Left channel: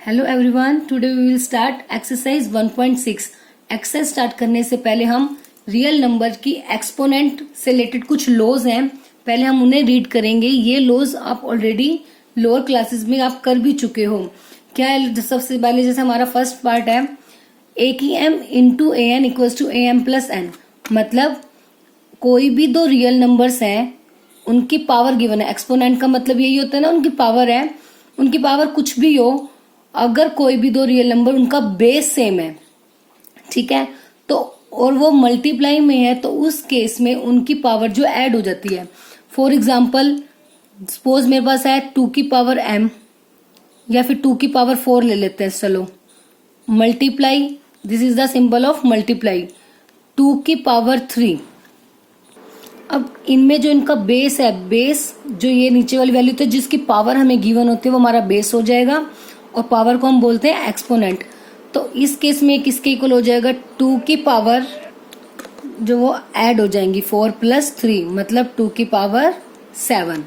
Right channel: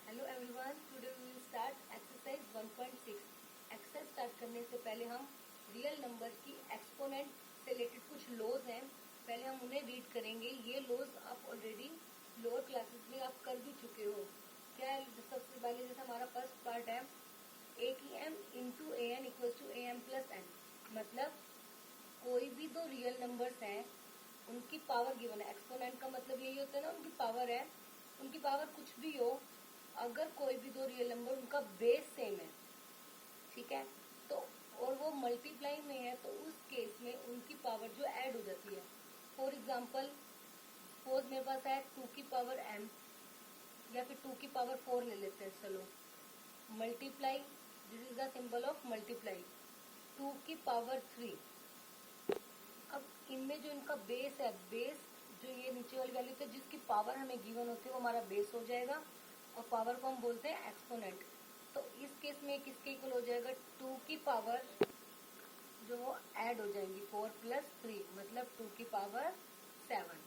Hello everyone, today we will start exercise 1.6। Exercise start करने से पहले हम रियल नंबर की एक्सपोनेंट से रिलेटेड कुछ लॉज हैं, पहले हम उन्हें रीड करेंगे। ये लॉज आप ऑलरेडी लोअर क्लासेस में आप कर भी चुके हो। क्या है? सबसे पहले जैसे हमारा फर्स्ट पार्ट है ए की M into A N equals to A M plus N, मतलब कोई भी दो रियल नंबर्स हैं उनकी पावर गिवन है। एक्सपोनेंट का मतलब यही होता है ना, उनकी पावर है। उनकी पावर कुछ भी हो, अगर कोई भी दो रियल नंबर उनका बेस सेम है, ठीक है, तो और वो मल्टीप्लाई में है, तो उस केस में उनकी पावर जो ऐड हो जाती है। फॉर एग्जाम्पल सपोज मेरे पास है 2 की पावर m या फिर 2 की पावर 4 ले लेते हैं। चलो multiply, this is the symbol of multiply, 2 की पावर 3। अब इनमें जो इनका बेस है, बेस जो ये नीचे वाली वैल्यू, तो जिसकी पावर हमें गिवन होती है वो हमारा बेस हो जाएगा, और पावर को हम बोलते हैं एक्सपोनेंट। तो इस केस में किसके इक्वल हो जाएगा? 2 की पावर जो वो ऐड हो जाएंगी 4 प्लस 3, मतलब 2 की पावर 7।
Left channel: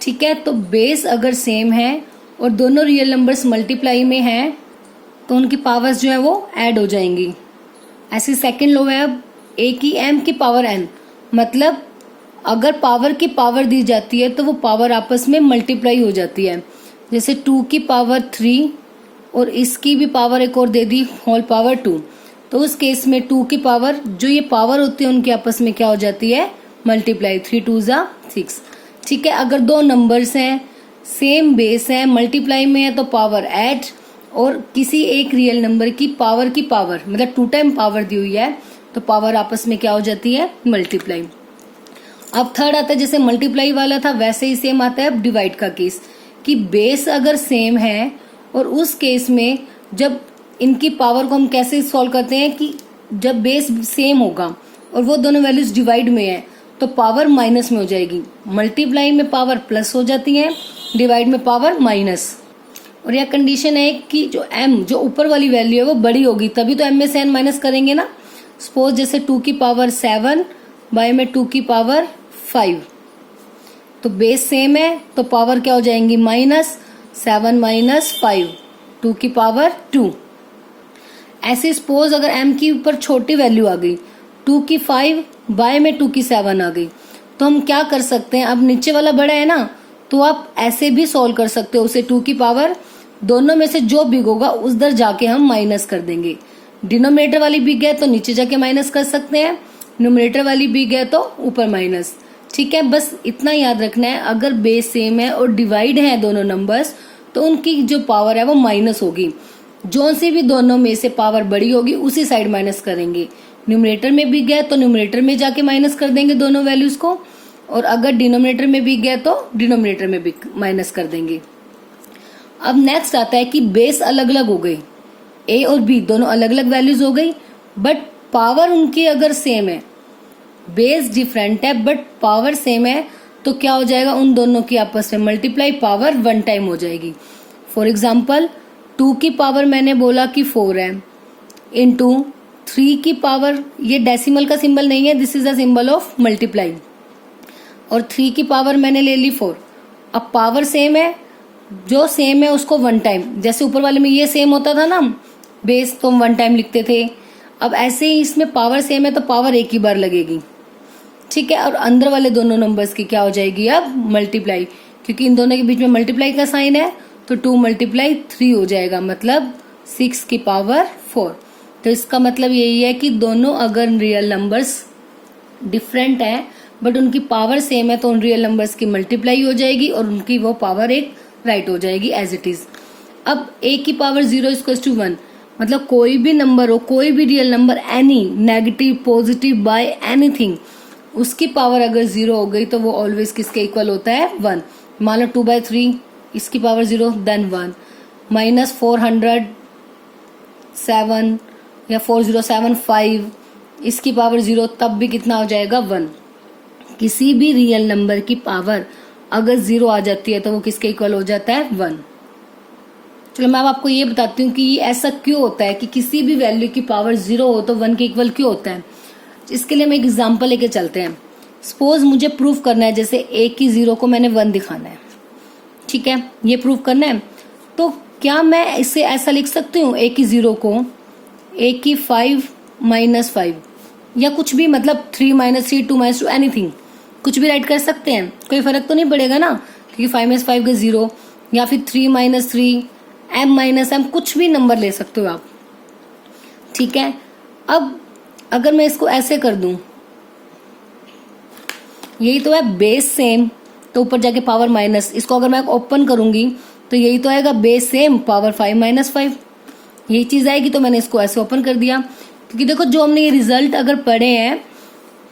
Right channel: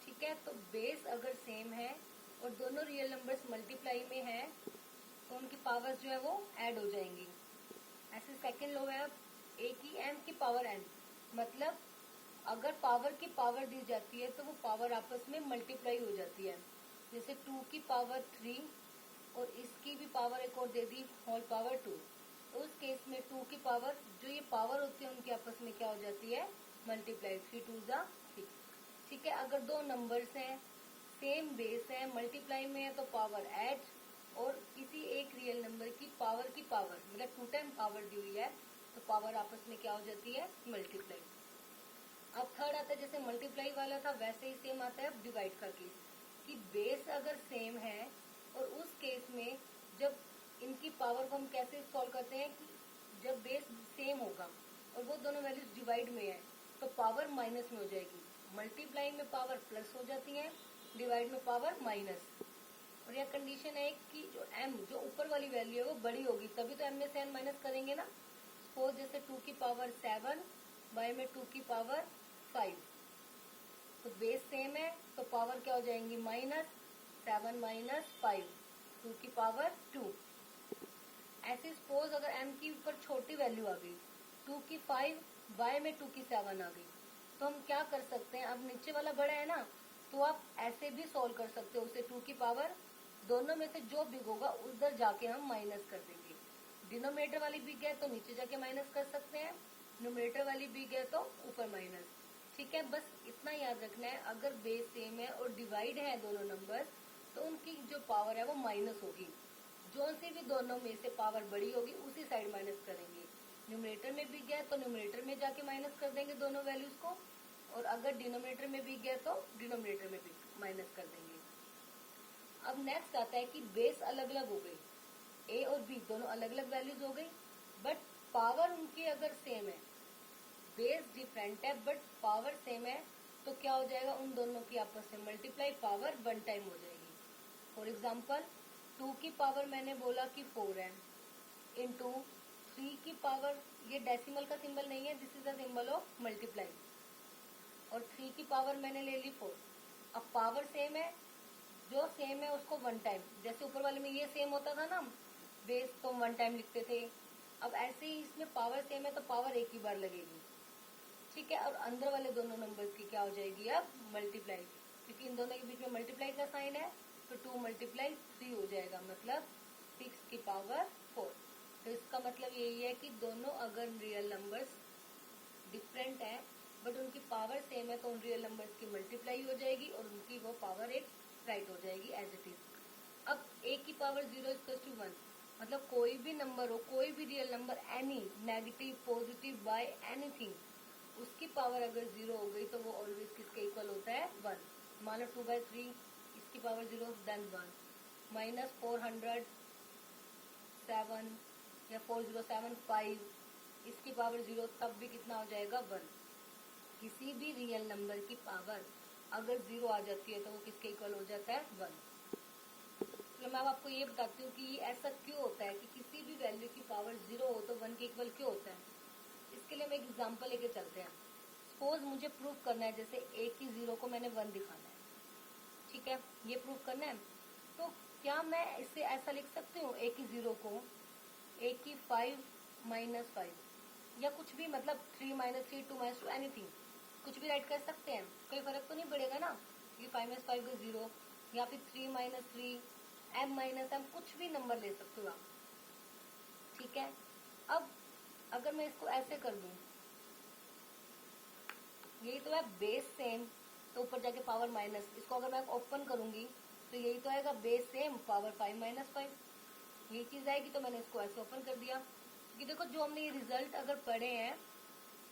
ठीक है, तो बेस अगर सेम है और दोनों रियल नंबर्स मल्टीप्लाई में हैं तो उनकी पावर्स जो है वो ऐड हो जाएंगी। ऐसे सेकंड लो है अब ए की एम की पावर एन, मतलब अगर पावर की पावर दी जाती है तो वो पावर आपस में मल्टीप्लाई हो जाती है। जैसे 2 की पावर 3 और इसकी भी पावर एक और दे दी होल पावर 2, तो उस केस में 2 की पावर जो ये पावर होती है उनकी आपस में क्या हो जाती है? मल्टीप्लाई। 3 2 जा 6। ठीक है, अगर दो नंबर्स हैं सेम बेस है मल्टीप्लाई में है तो पावर ऐड, और किसी एक रियल नंबर की पावर मतलब 2 टाइम पावर दी हुई है तो पावर आपस में क्या हो जाती है? मल्टीप्लाई। अब थर्ड आता है, जैसे मल्टीप्लाई वाला था वैसे ही सेम आता है अब डिवाइड का केस, कि बेस अगर सेम है और उस केस में जब इनकी पावर को हम कैसे सॉल्व करते हैं कि जब बेस सेम होगा और वो दोनों वैल्यूज डिवाइड में है तो पावर माइनस में हो जाएगी। मल्टीप्लाई में पावर प्लस हो जाती है, डिवाइड में पावर माइनस। और यह कंडीशन है कि जो m जो ऊपर वाली वैल्यू है वो बड़ी होगी, तभी तो m में से n माइनस करेंगे ना। सपोज जैसे 2 की पावर 7 बाय में 2 की पावर 5, तो बेस सेम है तो पावर क्या हो जाएंगी? माइनस 7 माइनस 5, 2 की पावर 2। ऐसे सपोज अगर m की ऊपर छोटी वैल्यू आ गई, 2 की 5 बाय में 2 की 7 आ गई, तो हम क्या कर सकते हैं? अब नीचे वाला बड़ा है ना, तो आप ऐसे भी सॉल्व कर सकते हो उसे। 2 की पावर दोनों में से जो बिग होगा उस दर जाके हम माइनस कर देंगे। डिनोमिनेटर वाली बिग है तो नीचे जाके माइनस कर सकते हैं, न्यूमरेटर वाली बिग है तो ऊपर माइनस। ठीक है, बस इतना याद रखना है, अगर बेस सेम है और डिवाइड है दोनों नंबर्स तो उनकी जो पावर है वो माइनस होगी। जो सी भी दोनों में से पावर बड़ी होगी उसी साइड माइनस करेंगे। न्यूमरेटर में बिग है तो न्यूमरेटर में जाके माइनस कर देंगे दोनों वैल्यूज को, और अगर डिनोमिनेटर में बिग है तो डिनोमिनेटर में बिग माइनस कर देंगे। अब नेक्स्ट आता है कि बेस अलग अलग हो गई, ए और बी दोनों अलग अलग वैल्यूज हो गई, बट पावर उनकी अगर सेम है, बेस डिफरेंट है बट पावर सेम है, तो क्या हो जाएगा? उन दोनों की आपस में मल्टीप्लाई, पावर 1 टाइम हो जाएगी। फॉर एग्जाम्पल 2 की पावर मैंने बोला कि 4 है, इंटू 3 की पावर, ये डेसिमल का सिंबल नहीं है, this is the symbol of multiply, और 3 की पावर मैंने ले ली 4। अब पावर सेम है, जो सेम है उसको 1 टाइम, जैसे ऊपर वाले में ये सेम होता था ना बेस, तो हम 1 टाइम लिखते थे। अब ऐसे ही इसमें पावर सेम है तो पावर एक ही बार लगेगी। ठीक है, और अंदर वाले दोनों नंबर्स की क्या हो जाएगी? अब मल्टीप्लाई, क्योंकि इन दोनों के बीच में मल्टीप्लाई का साइन है तो 2 मल्टीप्लाई 3 हो जाएगा, मतलब 6 की पावर 4। तो इसका मतलब यही है कि दोनों अगर रियल नंबर्स डिफरेंट है बट उनकी पावर सेम है तो उन रियल नंबर्स की मल्टीप्लाई हो जाएगी और उनकी वो पावर एक राइट हो जाएगी एज इट इज। अब a की पावर 0 इक्वल्स टू 1, मतलब कोई भी नंबर हो, कोई भी real number, any negative positive by anything, उसकी पावर अगर 0 हो गई तो वो ऑलवेज किसके इक्वल होता है? 1। मान लो 2/3, इसकी पावर 0 देन 1, माइनस 407 या 4075, इसकी पावर 0, तब भी कितना हो जाएगा? 1। किसी भी रियल नंबर की पावर अगर 0 आ जाती है तो वो किसके इक्वल हो जाता है? 1। चलो मैं अब आपको ये बताती हूँ कि ऐसा क्यों होता है कि किसी भी वैल्यू की पावर 0 हो तो 1 के इक्वल क्यों होता है। इसके लिए हम एक एग्जांपल लेके चलते हैं। सपोज मुझे प्रूफ करना है, जैसे a की 0 को मैंने 1 दिखाना है, ठीक है, ये प्रूफ करना है, तो क्या मैं इसे ऐसा लिख सकती हूँ a की 0 को a की 5 माइनस 5 या कुछ भी, मतलब 3 माइनस 3 2 माइनस 2 एनीथिंग, कुछ भी राइट कर सकते हैं, कोई फर्क तो नहीं पड़ेगा ना, क्योंकि 5 माइनस 5 का 0, या फिर 3 माइनस 3 m माइनस m, कुछ भी नंबर ले सकते हो आप। ठीक है, अब अगर मैं इसको ऐसे कर दूं, यही तो है बेस सेम, तो ऊपर जाके पावर माइनस, इसको अगर मैं ओपन करूंगी तो यही तो आएगा बेस सेम पावर 5 माइनस 5, यही चीज आएगी। तो मैंने इसको ऐसे ओपन कर दिया, क्योंकि देखो जो हमने ये रिजल्ट अगर पढ़े हैं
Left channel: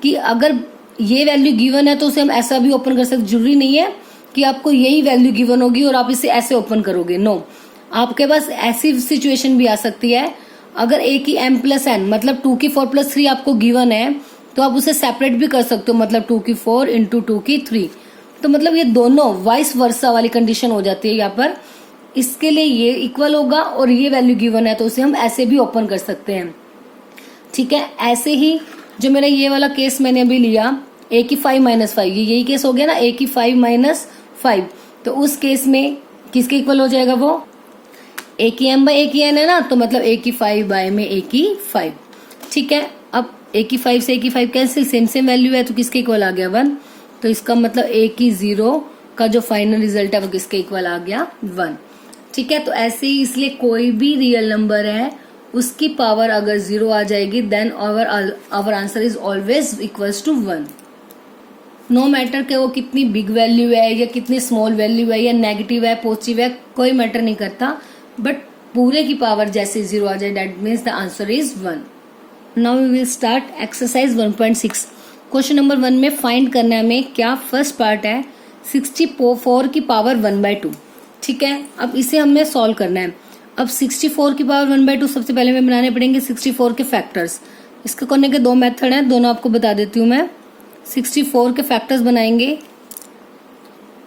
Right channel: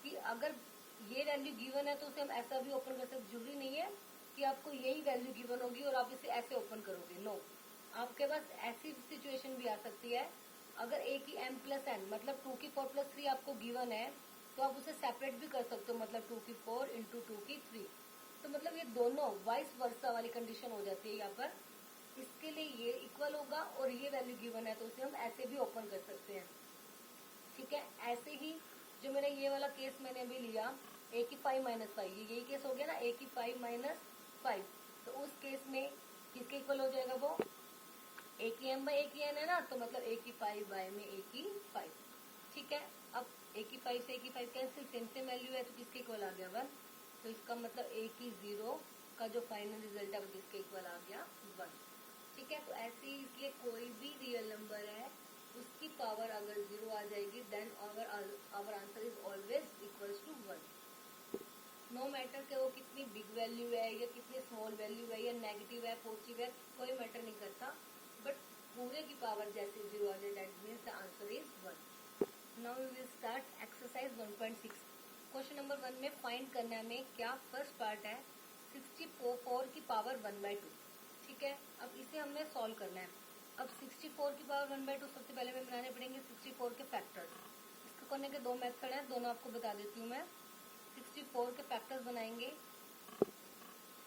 कि अगर ये वैल्यू गिवन है तो उसे हम ऐसा भी ओपन कर सकते, जरूरी नहीं है कि आपको यही वैल्यू गिवन होगी और आप इसे ऐसे ओपन करोगे, नो, आपके पास ऐसी सिचुएशन भी आ सकती है, अगर a की m प्लस n मतलब 2 की 4 प्लस 3 आपको गिवन है तो आप उसे सेपरेट भी कर सकते हो, मतलब 2 की 4 इंटू 2 की 3, तो मतलब ये दोनों वाइस वर्सा वाली कंडीशन हो जाती है यहाँ पर। इसके लिए ये इक्वल होगा और ये वैल्यू गिवन है तो उसे हम ऐसे भी ओपन कर सकते हैं। ठीक है, ऐसे ही जो मेरा ये वाला केस मैंने अभी लिया a की 5 माइनस 5, ये यही केस हो गया ना, a की 5 माइनस 5, तो उस केस में किसके इक्वल हो जाएगा वो, a की m बाई a की n है ना, तो मतलब a की 5 बाय में a की 5। ठीक है, अब a की 5 से a की 5 कैंसिल, सेम सेम वैल्यू है तो किसके इक्वल आ गया 1, तो इसका मतलब a की 0 का जो फाइनल रिजल्ट है वो किसके इक्वल आ गया 1। ठीक है, तो ऐसे ही इसलिए कोई भी रियल नंबर है उसकी पावर अगर 0 आ जाएगी then our answer is always equals to 1, no matter कि वो कितनी बिग वैल्यू है या कितनी स्मॉल वैल्यू है या नेगेटिव है पॉजिटिव है, कोई मैटर नहीं करता, बट पूरे की पावर जैसे 0 आ जाए that means the answer is 1। Now we will start exercise 1.6। Question number 1 में फाइंड करना है हमें क्या, फर्स्ट पार्ट है 64 की पावर 1/2। ठीक है, अब इसे हमें सॉल्व करना है। अब 64 की पावर 1/2 सबसे पहले हमें बनाने पड़ेंगे 64 के फैक्टर्स। इसको करने के दो मेथड हैं, दोनों आपको बता देती हूँ मैं। 64 के फैक्टर्स बनाएंगे,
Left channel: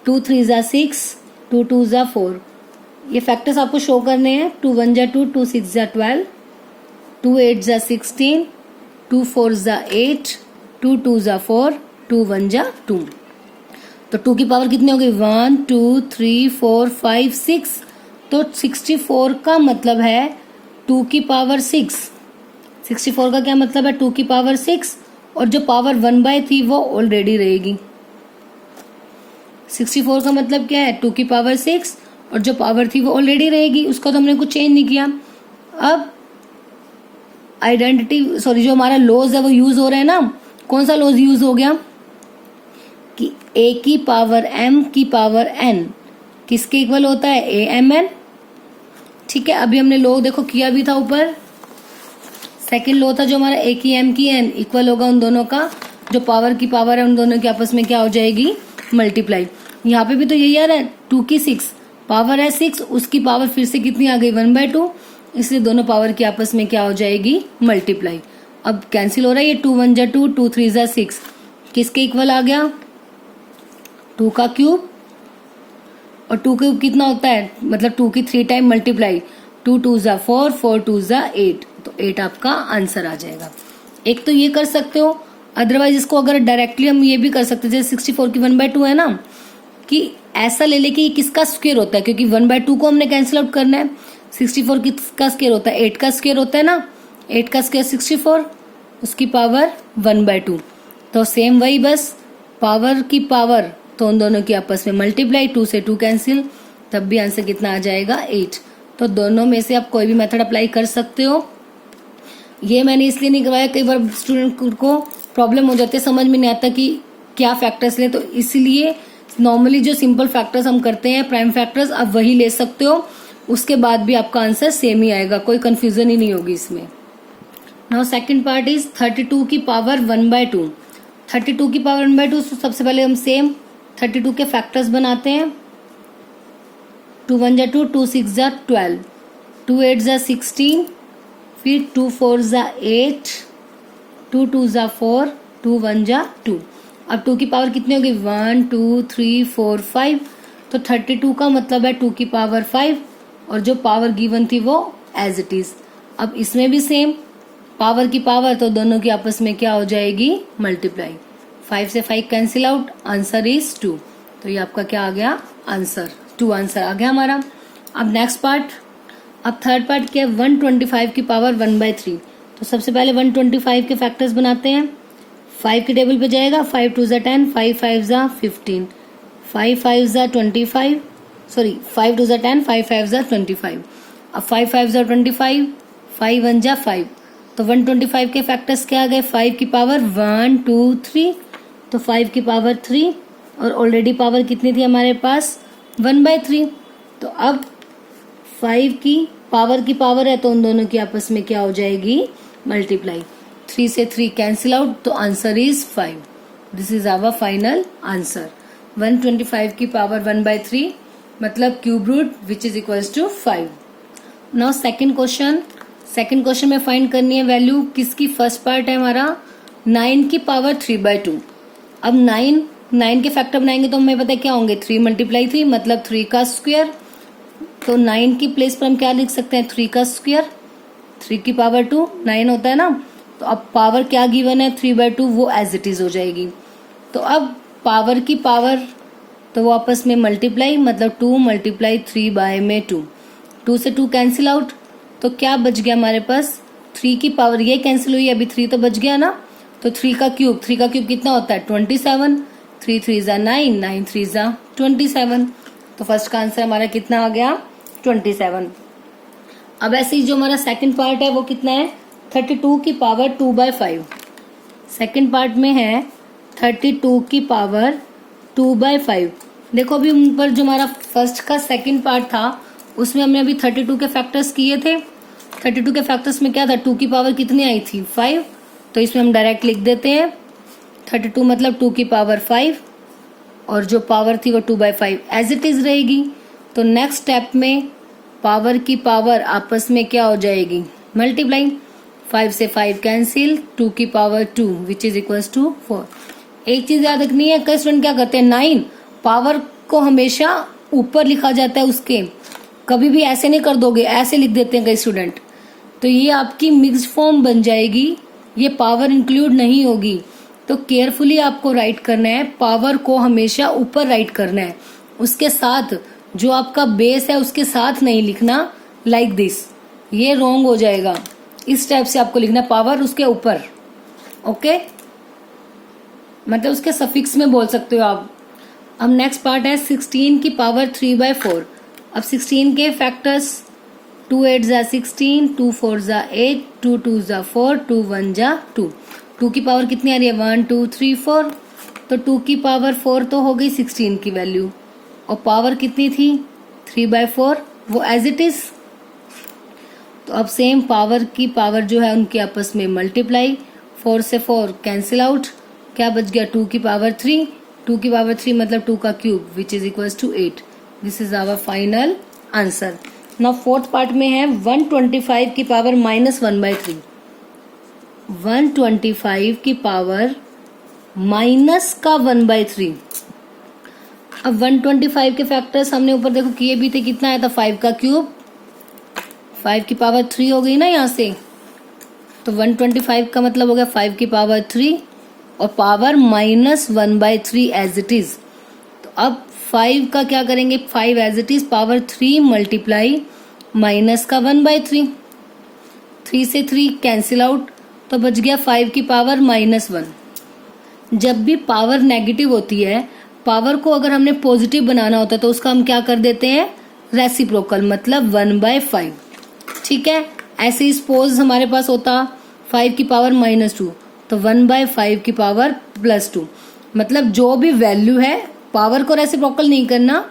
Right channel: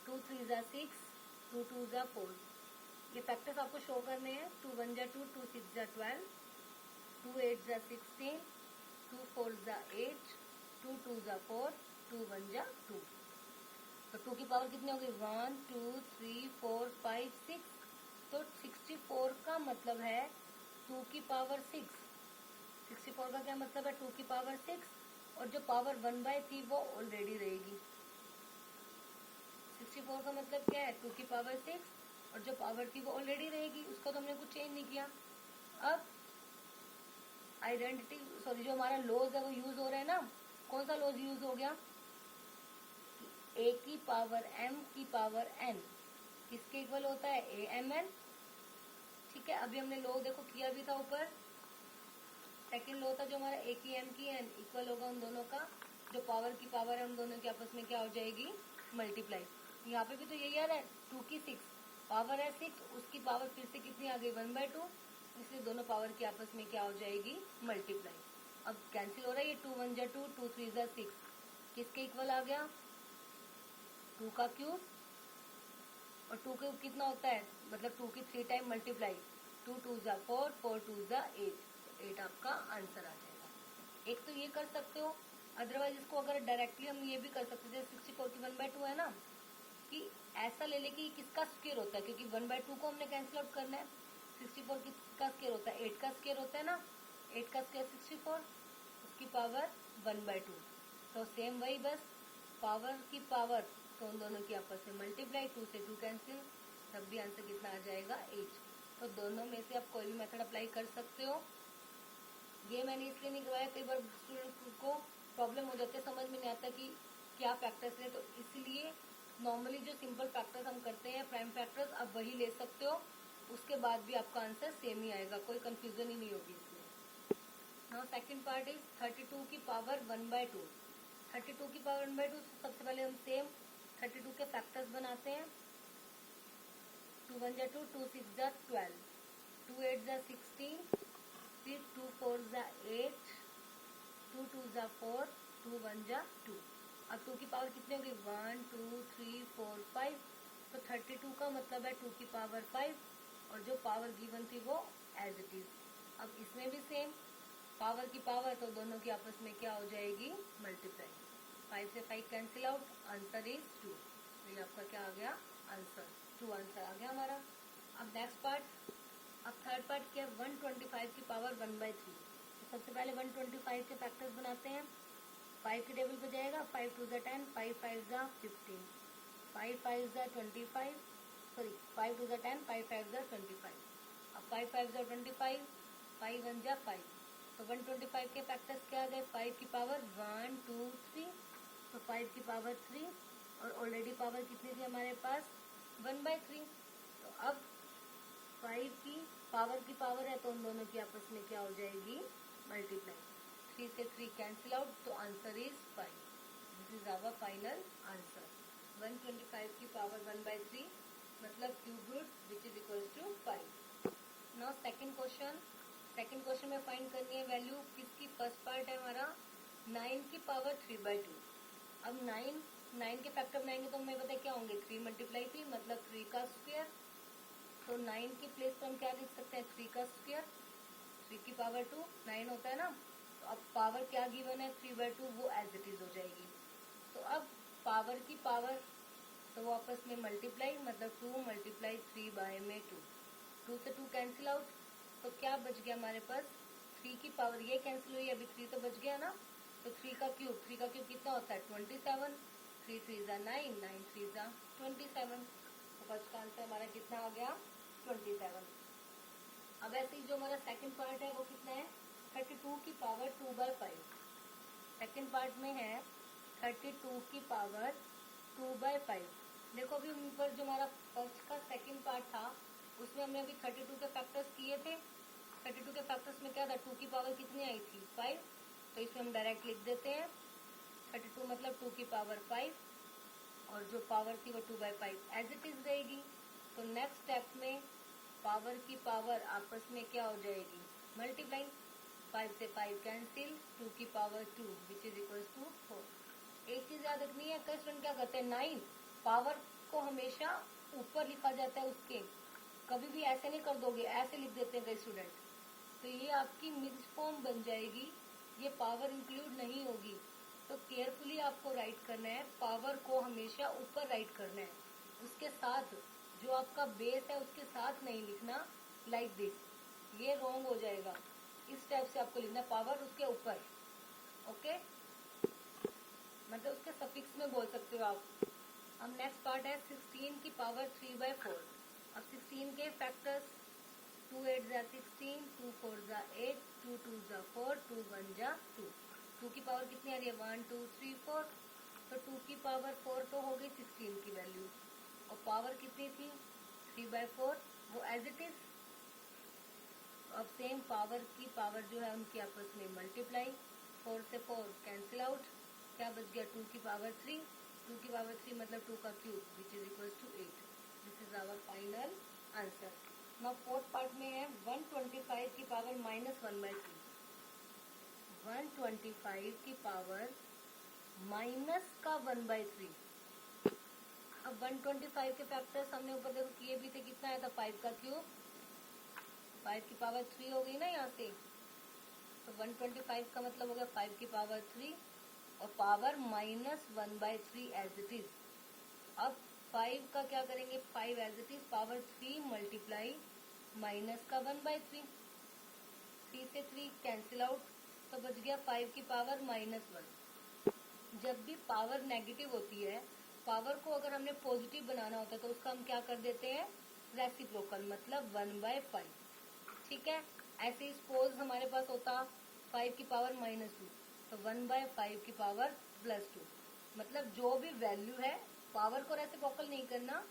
2 3 जा 6, 2 2 जा 4, ये फैक्टर्स आपको शो करने हैं। 2 1 जा 2, 2 6 जा 12, 2 8 जा 16, 2 4 जा 8, 2 2 जा 4, 2 1 जा 2। तो 2 की पावर कितनी होगी 1 2 3 4 5 6, तो 64 का मतलब है 2 की पावर 6। 64 का क्या मतलब है 2 की पावर 6, और जो पावर 1/3 वो ऑलरेडी रहेगी। 64 का मतलब क्या है 2 की पावर 6 और जो पावर थी वो ऑलरेडी रहेगी, उसका तो हमने कुछ चेंज नहीं किया। अब आइडेंटिटी जो हमारा लॉज है वो यूज हो रहा है ना, कौन सा लॉज यूज हो गया कि a की पावर m की पावर n किसके इक्वल होता है a/m/n। ठीक है, अभी हमने लॉ देखो किया भी था ऊपर, सेकंड लॉ था जो हमारा a की m की n इक्वल होगा उन दोनों का, जो पावर की पावर है उन दोनों की आपस में क्या हो जाएगी मल्टीप्लाई। यहाँ पे भी तो यही आ रहा है 2 की 6 पावर है 6, उसकी पावर फिर से कितनी आ गई 1/2, इसलिए दोनों पावर की आपस में क्या हो जाएगी मल्टीप्लाई। अब कैंसिल हो रहा है, ये 2 1 जा 2, 2 3 जा 6 किसके इक्वल आ गया 2 का क्यूब, और 2 क्यूब कितना होता है मतलब 2 की 3 टाइम मल्टीप्लाई, 2 2 जा 4, 4 2 जा 8, तो 8 आपका आंसर आ जाएगा। एक तो ये कर सकते हो, अदरवाइज इसको अगर डायरेक्टली हम ये भी कर सकते हैं, जैसे 64 की 1/2 है ना, कि ऐसा ले ले कि किसका स्क्वायर होता है, क्योंकि 1/2 को हमने कैंसिल आउट करना है। 64 किसका स्क्वायर होता है 8 का स्क्वायर होता है ना, 8 का स्क्वायर 64, उसकी पावर 1/2, तो सेम वही बस पावर की पावर तो उन दोनों की आपस में मल्टीप्लाई, 2 से 2 कैंसिल, तब भी आंसर कितना आ जाएगा 8। तो दोनों में से आप कोई भी मेथड अप्लाई कर सकते हो। ये मैंने इसलिए नहीं करवाया, कई बार स्टूडेंट को प्रॉब्लम हो जाती है, समझ में नहीं आता कि क्या फैक्टर्स ले, तो इसलिए नॉर्मली जो सिंपल फैक्टर्स हम करते हैं प्राइम फैक्टर्स आप वही ले सकते हो, उसके बाद भी आपका आंसर सेम ही आएगा, कोई कंफ्यूजन ही नहीं होगी इसमें। नाउ सेकंड पार्ट इज 32 की पावर 1/2। 32 की पावर 1/2, सबसे पहले हम सेम 32 के फैक्टर्स बनाते हैं। 2 1 जा 2, 2 6 जा 12, 2 8 जा 16, फिर 2 4 जा 8, 2 2 जा 4, 2 1 जा 2। अब 2 की पावर कितनी होगी 1 2 3 4 5, तो 32 का मतलब है 2 की पावर 5, और जो पावर गिवन थी वो एज इट इज। अब इसमें भी सेम पावर की पावर, तो दोनों की आपस में क्या हो जाएगी मल्टीप्लाई, 5 से 5 कैंसिल आउट, आंसर इज 2। तो ये आपका क्या आ गया आंसर 2 आंसर आ गया हमारा। अब नेक्स्ट पार्ट, अब थर्ड पार्ट क्या है, 125 की पावर 1/3। तो सबसे पहले 125 के फैक्टर्स बनाते हैं। 5 के टेबल पे जाएगा, 5 2 ज़ा 10, 5 5 ज़ा 15, 5 5 ज़ा 25, सॉरी 5 2 ज़ा 10, 5 5 ज़ा 25। अब 5 5 ज़ा 25, 5 1 ज़ा 5। तो 125 के फैक्टर्स क्या आ गए, 5 की पावर 1 2 3, तो 5 की पावर 3, और ऑलरेडी पावर कितनी थी हमारे पास, 1/3। तो अब 5 की पावर है तो उन दोनों की आपस में क्या हो जाएगी, मल्टीप्लाई। 3 से 3 कैंसिल आउट, तो answer is 5। This is our final answer. 125 की पावर 1/3 मतलब cube root which is equals to 5। Now second question में फाइंड करनी है वैल्यू किसकी, फर्स्ट पार्ट है हमारा 9 की पावर 3/2। अब 9 के फैक्टर बनाएंगे तो हमें पता है क्या होंगे, 3 × 3 मतलब 3 का स्क्वायर। तो 9 की प्लेस पर हम क्या लिख सकते हैं, 3 का स्क्वायर, 3 की पावर 2 9 होता है ना। तो अब पावर क्या गिवन है, 3/2, वो एज इट इज हो जाएगी। तो अब पावर की पावर तो वो आपस में मल्टीप्लाई, मतलब 2 × 3/2। 2 से 2 कैंसिल आउट, तो क्या बच गया हमारे पास, 3 की पावर ये कैंसिल हुई, अभी 3 तो बच गया ना। तो 3 का क्यूब कितना होता है, 27। 3 3 ज़ा 9, 9 3 ज़ा 27। तो फर्स्ट का आंसर हमारा कितना आ गया, 27। अब ऐसे ही जो हमारा सेकंड पार्ट है वो कितना है, 32 की पावर 2/5। सेकंड पार्ट में है 32 की पावर 2/5। देखो अभी ऊपर जो हमारा फर्स्ट का सेकंड पार्ट था उसमें हमने अभी 32 के फैक्टर्स किए थे। 32 के फैक्टर्स में क्या था, 2 की पावर कितनी आई थी, 5। तो इसमें हम डायरेक्ट लिख देते हैं 32 मतलब 2 की पावर 5, और जो पावर थी वो 2/5 एज इट इज रहेगी। तो नेक्स्ट स्टेप में पावर की पावर आपस में क्या हो जाएगी, मल्टीप्लाई। 5 से 5 कैंसिल, 2 की power 2 which is equals to 4। एक चीज याद रखनी है, कई स्टूडेंट क्या करते हैं, 9 पावर को हमेशा ऊपर लिखा जाता है उसके, कभी भी ऐसे नहीं कर दोगे, ऐसे लिख देते हैं कई स्टूडेंट। तो ये आपकी मिक्स्ड फॉर्म बन जाएगी, ये पावर इंक्लूड नहीं होगी। तो केयरफुली आपको राइट करना है, पावर को हमेशा ऊपर राइट करना है, उसके साथ जो आपका बेस है उसके साथ नहीं लिखना, लाइक दिस, ये रॉन्ग हो जाएगा। इस टाइप से आपको लिखना पावर उसके ऊपर, ओके, मतलब उसके सफिक्स में बोल सकते हो आप। अब नेक्स्ट पार्ट है 16 की पावर 3/4। अब 16 के फैक्टर्स, 2 8 ज़ा 16, 2 4 ज़ा 8, 2 2 ज़ा 4, 2 1 ज़ा 2। 2 की पावर कितनी आ रही है, 1 2 3 4। तो 2 की पावर 4 तो हो गई 16 की वैल्यू, और पावर कितनी थी 3/4, वो एज इट इज। तो अब सेम पावर की पावर जो है उनके आपस में मल्टीप्लाई, 4 से 4 कैंसिल आउट, क्या बच गया 2 की पावर 3। 2 की पावर 3 मतलब 2 का cube which is equals to 8। This is our final answer. Now fourth part में है 125 की पावर -1/3। 125 की पावर माइनस का 1/3। अब 125 के फैक्टर्स हमने ऊपर देखो किए भी थे, कितना आया था, 5 का क्यूब, 5 की पावर 3 हो गई ना यहाँ से। तो 125 का मतलब हो गया 5 की पावर 3 और पावर -1/3 एज इट इज। तो अब 5 का क्या करेंगे, 5 as it is, power 3 multiply minus का 1/3, 3 से 3 कैंसिल आउट, तो बच गया 5 की पावर -1। जब भी पावर नेगेटिव होती है, पावर को अगर हमने पॉजिटिव बनाना होता है तो उसका हम क्या कर देते हैं, रेसिप्रोकल, मतलब 1/5। ठीक है, ऐसे ही सपोज हमारे पास होता 5 की पावर -2, तो 1/5 की पावर +2। मतलब जो भी वैल्यू है, पावर को रेसिप्रोकल नहीं करना,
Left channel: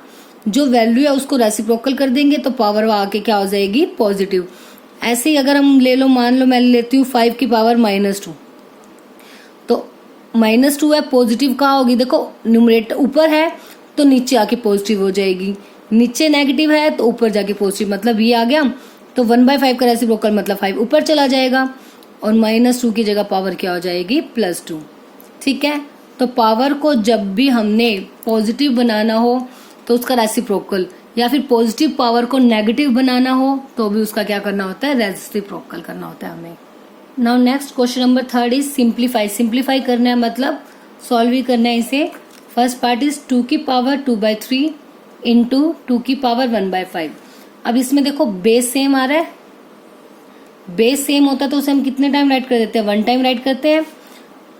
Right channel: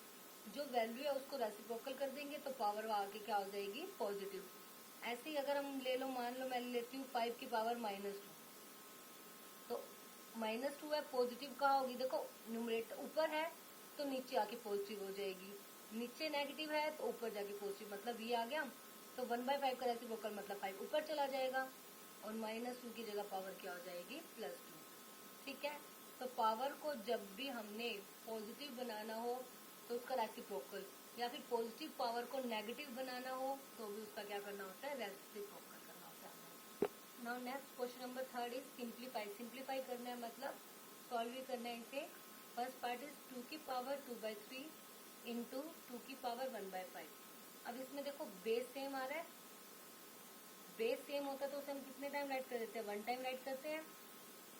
जो वैल्यू है उसको रेसिप्रोकल कर देंगे तो पावर आके क्या हो जाएगी, पॉजिटिव। ऐसे ही अगर हम ले लो, मान लो मैं लेती हूँ 5 की पावर -2, तो -2 है, पॉजिटिव कहाँ होगी, देखो न्यूमरेटर ऊपर है तो नीचे आके पॉजिटिव हो जाएगी, नीचे नेगेटिव है तो ऊपर जाके पॉजिटिव, मतलब ये आ गया। तो 1/5 का रेसिप्रोकल मतलब 5 ऊपर चला जाएगा और -2 की जगह पावर क्या हो जाएगी, +2। ठीक है, तो पावर को जब भी हमने पॉजिटिव बनाना हो तो उसका रेसिप्रोकल, या फिर पॉजिटिव पावर को नेगेटिव बनाना हो तो भी उसका क्या करना होता है, रेसिप्रोकल करना होता है हमें। Now next question number 3 is simplify. Simplify करना है मतलब सॉल्व ही करना है इसे। फर्स्ट पार्ट इज 2 की पावर 2/3 इंटू 2 की पावर 1/5। अब इसमें देखो बेस सेम आ रहा है, बेस सेम होता तो उसे हम कितने टाइम राइट कर देते हैं, 1 टाइम राइट करते हैं।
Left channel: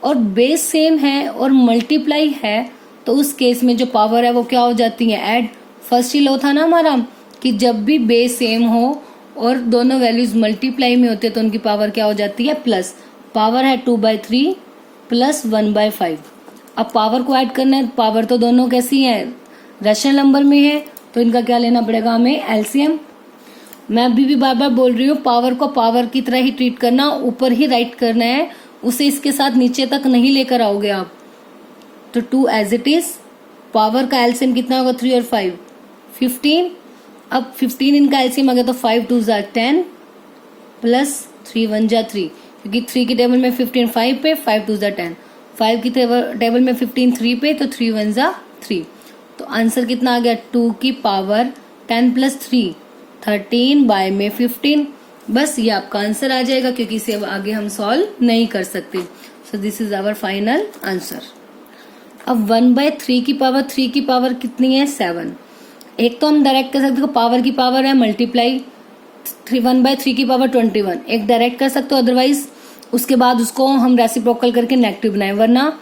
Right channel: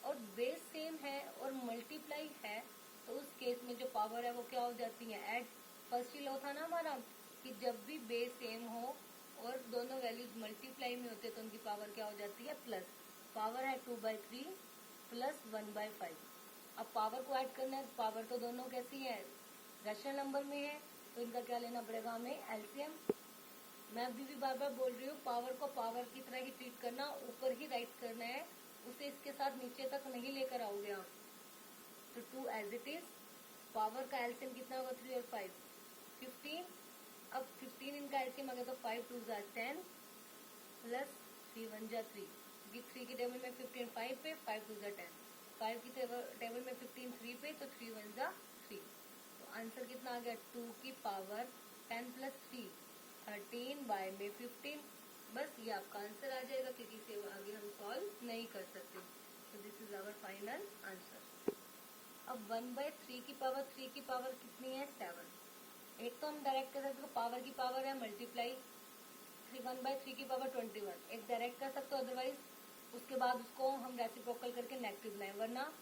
और बेस सेम है और मल्टीप्लाई है तो उस केस में जो पावर है वो क्या हो जाती है, ऐड। फर्स्ट ही लॉ था ना हमारा कि जब भी बेस सेम हो और दोनों वैल्यूज मल्टीप्लाई में होते हैं तो उनकी पावर क्या हो जाती है, प्लस। पावर है 2/3 प्लस 1/5। अब पावर को ऐड करना है, पावर तो दोनों कैसी है, रेशनल नंबर में है, तो इनका क्या लेना पड़ेगा हमें, एलसीएम। मैं अभी भी बार बार बोल रही हूँ, पावर को पावर की तरह ही ट्रीट करना, ऊपर ही राइट करना है, उसे इसके साथ नीचे तक नहीं लेकर आओगे आप। तो 2 एज इट इज। पावर का एलसीएम कितना होगा, 3 और 5 15। अब 15 इनका एलसीएम आ गया तो 5 2 जा 10 प्लस 3 1 जा 3, क्योंकि 3 की टेबल में 15 5 पे, 5 2 जा 10, 5 की टेबल में 15 3 पे, तो 3 1 जा 3। तो आंसर कितना आ गया, 2 की पावर 10 प्लस 3 13 बाय में 15। बस ये आपका आंसर आ जाएगा, क्योंकि इसे अब आगे हम सॉल्व नहीं कर सकते। So this is our final answer. अब 1/3 की पावर 3 की पावर कितनी है, 7। एक तो हम डायरेक्ट कर सकते हो, पावर की पावर है मल्टीप्लाई 1/3 की पावर 21, एक डायरेक्ट कर सकते हो, अदरवाइज उसके बाद उसको हम रेसिप्रोकल करके नेगेटिव बनाए। वरना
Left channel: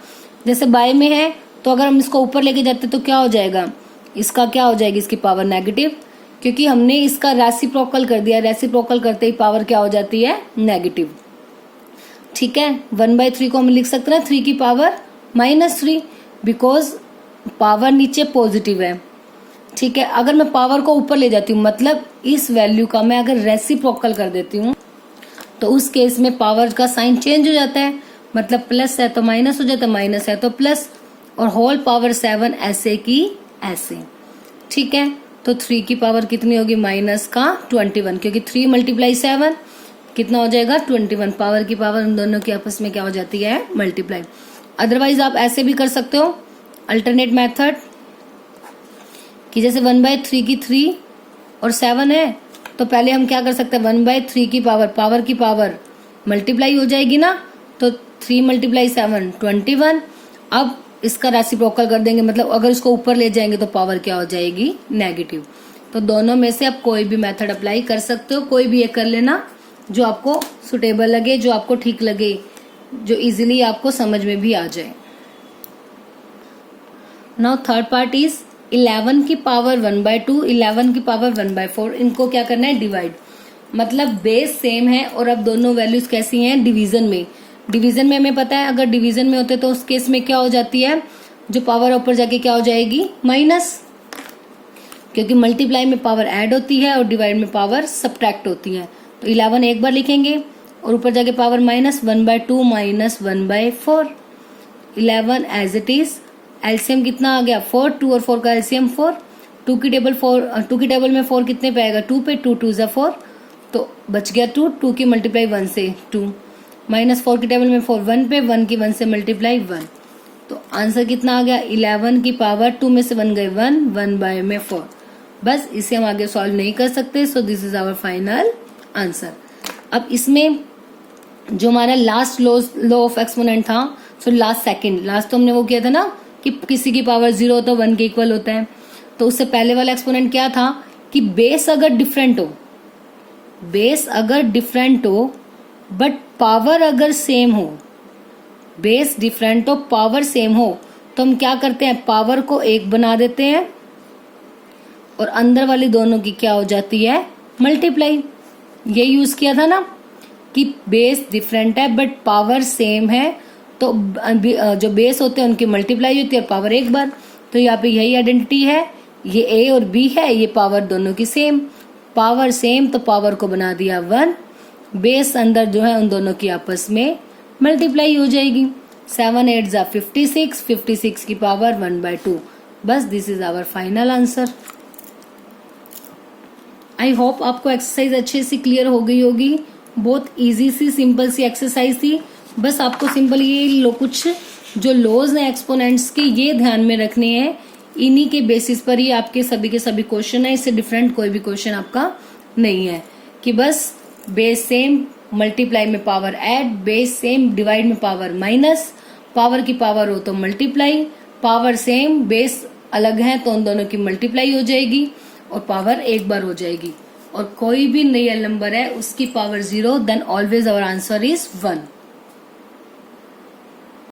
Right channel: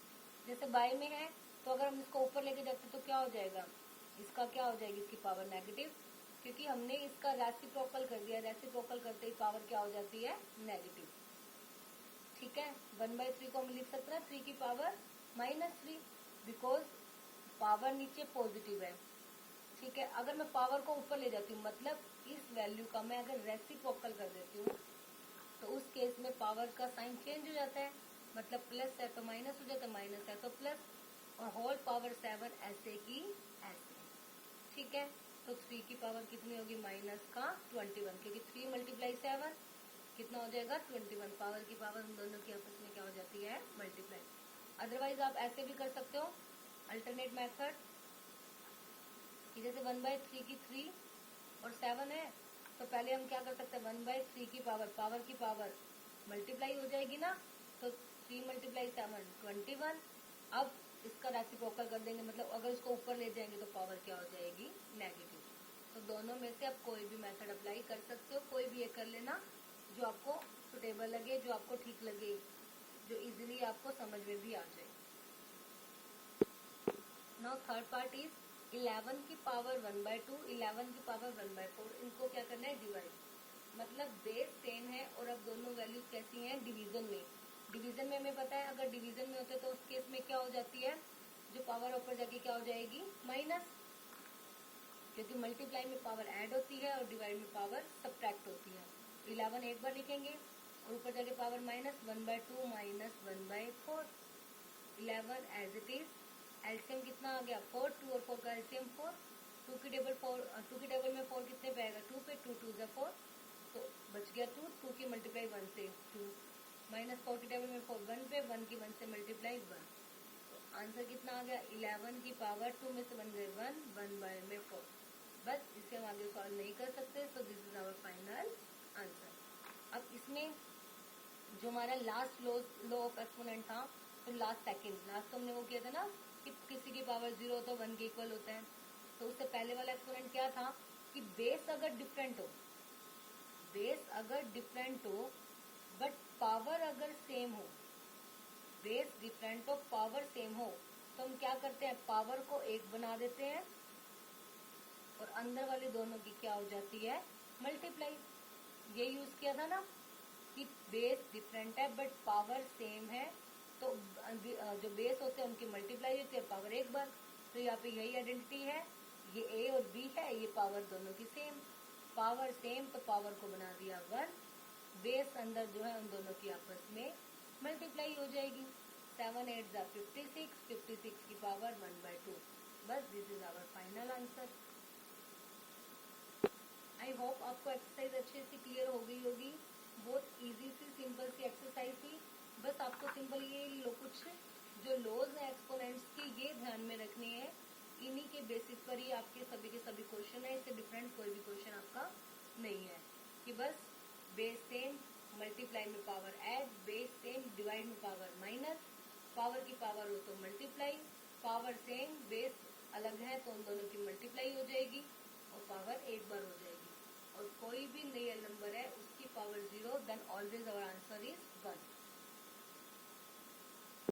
जैसे बाय में है तो अगर हम इसको ऊपर लेके जाते तो क्या हो जाएगा, इसका क्या हो जाएगी, इसकी पावर नेगेटिव, क्योंकि हमने इसका रेसिप्रोकल कर दिया। रेसिप्रोकल करते ही पावर क्या हो जाती है, नेगेटिव। ठीक है, 1/3 को हम लिख सकते हैं 3 की पावर -3, बिकॉज पावर नीचे पॉजिटिव है। ठीक है, अगर मैं पावर को ऊपर ले जाती हूँ, मतलब इस वैल्यू का मैं अगर रेसिप्रोकल कर देती हूँ, तो उस केस में पावर का साइन चेंज हो जाता है, मतलब प्लस है तो माइनस हो जाता है, माइनस है तो प्लस, और होल पावर 7 ऐसे की ऐसे। ठीक है, तो 3 की पावर कितनी होगी, माइनस का 21, क्योंकि 3 × 7 कितना हो जाएगा, 21। पावर की पावर उन दोनों की आपस में क्या हो जाती है, मल्टीप्लाई। अदरवाइज आप ऐसे भी कर सकते हो, अल्टरनेट मेथड, कि जैसे 1/3 की 3 और 7 है, तो पहले हम क्या कर सकते हैं, 1/3 की पावर की पावर मल्टीप्लाई हो जाएगी ना, तो 3 × 7 21। अब इसका रेसिप्रोकल कर देंगे, मतलब अगर इसको ऊपर ले जाएंगे तो पावर क्या हो जाएगी, नेगेटिव। तो दोनों में से आप कोई भी मेथड अप्लाई कर सकते हो, कोई भी एक कर लेना जो आपको सुटेबल लगे, जो आपको ठीक लगे, जो इजीली आपको समझ में भी आ जाए। नाउ थर्ड पार्ट इज 11 की पावर 1/2, 11 की पावर 1/4। इनको क्या करना है, डिवाइड। मतलब बेस सेम है और अब दोनों वैल्यूज कैसी हैं, डिवीजन में। डिवीजन में हमें पता है अगर डिवीजन में होते तो उस केस में क्या हो जाती है, जो पावर ऊपर जाके क्या हो जाएगी, माइनस, क्योंकि मल्टीप्लाई में पावर ऐड होती है और डिवाइड में पावर सब्ट्रैक्ट होती है। तो 11 एक बार लिखेंगे और ऊपर जाके power minus 1/2 minus 1/4। 11 as it is. LCM कितना आ गया, 4, 2 और 4 का एलसीएम 4। 2 की टेबल में 4 कितने पे आएगा, 2 पे, 2 2 जा 4, तो बच गया 2। 2 की मल्टीप्लाई 1 से 2, माइनस 4 की टेबल में 4 1 पे, 1 की 1 से मल्टीप्लाई 1। तो आंसर कितना आ गया, 11 की पावर 2 में से 1 गए 1, 1/4। बस इसे हम आगे सॉल्व नहीं कर सकते। So this is our final answer. अब इसमें जो हमारा लास्ट लॉ ऑफ एक्सपोनेंट था, सो लास्ट तो हमने वो किया था ना कि किसी की पावर 0 होता है 1 के इक्वल होता है। तो उससे पहले वाला एक्सपोनेंट क्या था कि बेस अगर डिफरेंट हो बट पावर अगर सेम हो, बेस डिफरेंट हो पावर सेम हो, तो हम क्या करते हैं, पावर को 1 बना देते हैं और अंदर वाली दोनों की क्या हो जाती है, मल्टीप्लाई। ये यूज किया था ना कि बेस डिफरेंट है बट पावर सेम है, तो जो बेस होते हैं उनकी मल्टीप्लाई होती है और पावर 1 बार। तो यहाँ पे यही आइडेंटिटी है, ये ए और बी है, ये पावर दोनों की सेम, पावर सेम तो पावर को बना दिया 1, बेस अंदर जो है उन दोनों की आपस में मल्टीप्लाई हो जाएगी। 7 8 जा 56, 56 की पावर 1/2। बस this is our final answer. I hope आपको एक्सरसाइज अच्छे से क्लियर हो गई होगी। बहुत इजी सी सिंपल सी एक्सरसाइज थी। बस आपको सिंपल ये कुछ जो लॉज हैं एक्सपोनेंट्स के ये ध्यान में रखने हैं, इन्हीं के बेसिस पर ही आपके सभी के सभी क्वेश्चन है। इससे डिफरेंट कोई भी क्वेश्चन आपका नहीं है कि बस बेस सेम मल्टीप्लाई में power add, base same divide में पावर माइनस, पावर की पावर हो तो मल्टीप्लाई, पावर सेम बेस अलग है तो उन दोनों की मल्टीप्लाई हो जाएगी और पावर 1 बार हो जाएगी। और कोई भी रियल नंबर है उसकी power 0, then always our answer is 1।